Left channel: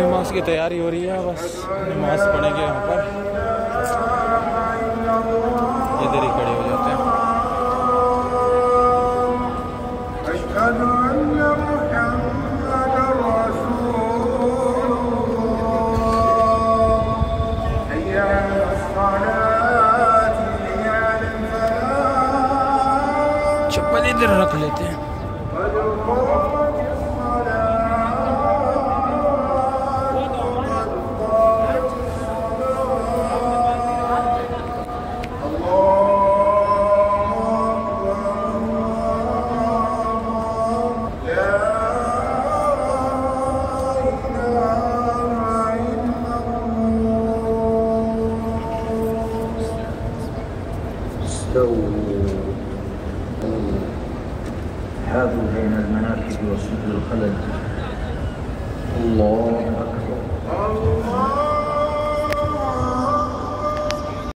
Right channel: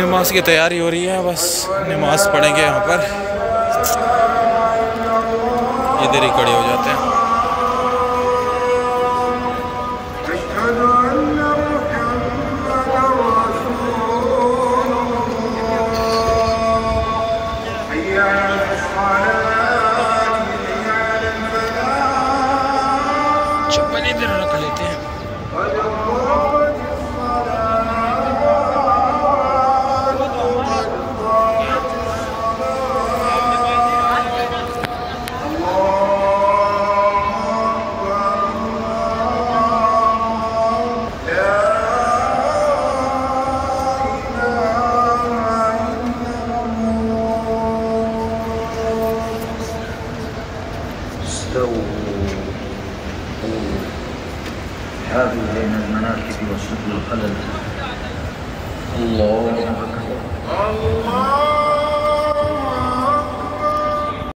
नमाज की तैयारी हो रही है, बस नमाज पढ़ेंगे यहाँ पर। इधर ही खड़े हो जाते हैं। चप्पल इधर रख लेते हैं। هذه بين المناكب وسبل الخلل. الله